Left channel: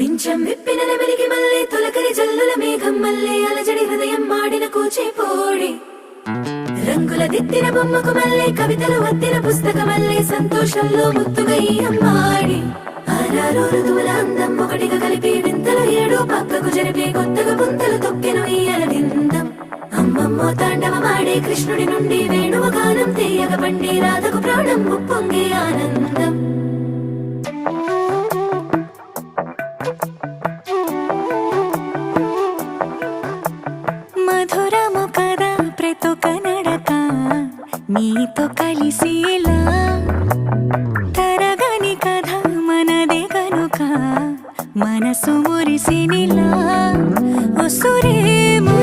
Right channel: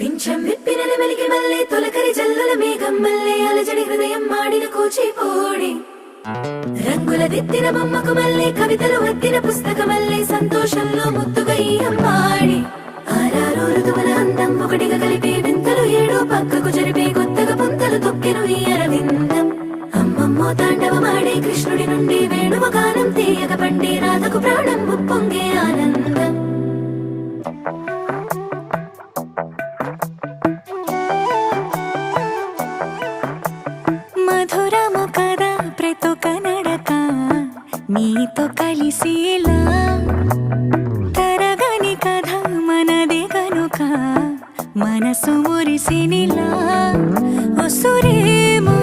పింఛం విప్పిన నెమలికి మల్లె తొలకరి జల్లుల మేఘం మల్లె అలజడి హృదయం మాడిన కూచిపూడి రంగుల దిద్దిన బొమ్మకు మల్లె కవితలు వద్దిన పుస్తకమల్లె సంతోషంలో ముద్దుగా ఈ అమ్మాడి ఆరారు ఋతువుల అందం ఒకటిగా కలిపి వింతలు ఏడు పక్కకు జరిపే కొత్తగా పుంతలు తొక్కెను ఈ అరవిందం అమ్మమ్మో తాండవమాడే కృష్ణుడి నుండి వేణువ గానం తీయగ పండి రాధకు ప్రాణం ఉప్పొంగే ఆనందం మధురము కదా ప్రతొక నడక నీతో కలిసేలా తరగని కథ మనదే కనుక మనసు మురిసినిలా ఉసురేమో